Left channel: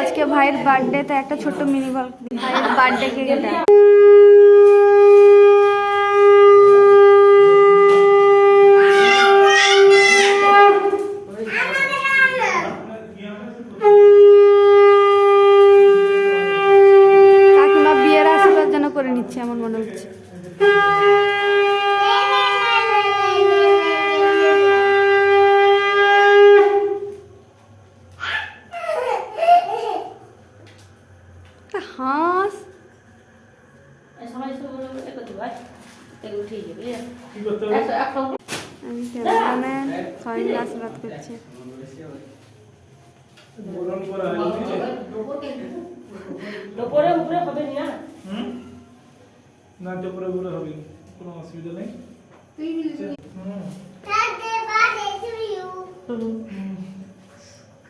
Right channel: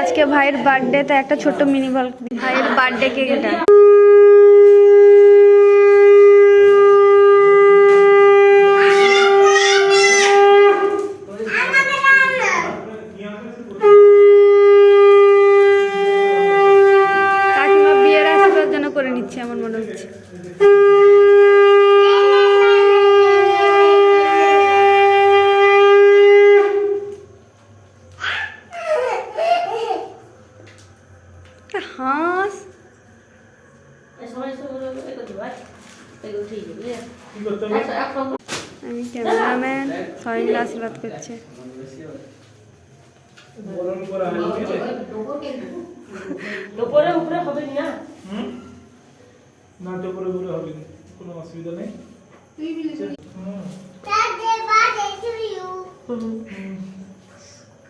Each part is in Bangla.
আজকে ভাইয়ের বার্থডে, তো একটা ছোট্ট মিনি বল ভাইয়ের বার্থডে কেক এটা। কাকিমা বিয়ের আশীর্বাদ যেন করে নিচ্ছে আমার মনে হচ্ছে। হাঁস আমি ক্যামেরাম্যান, সবাই মিলে আশীর্বাদ করছে।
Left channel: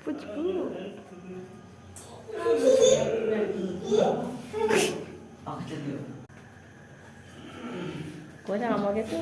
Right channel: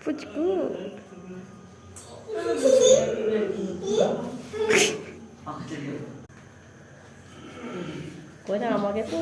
পুচকু আমাকে তো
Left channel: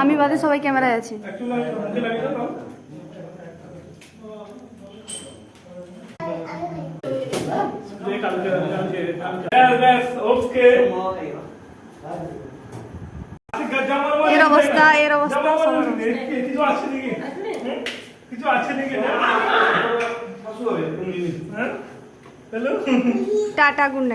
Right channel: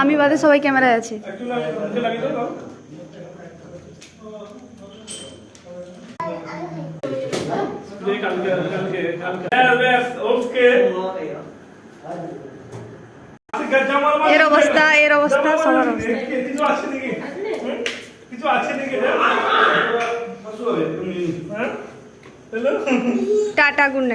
আমি বাদে সবাই ক্যামেরায় আছে। এর অবস্থা সবার অবস্থা। Tata, good night.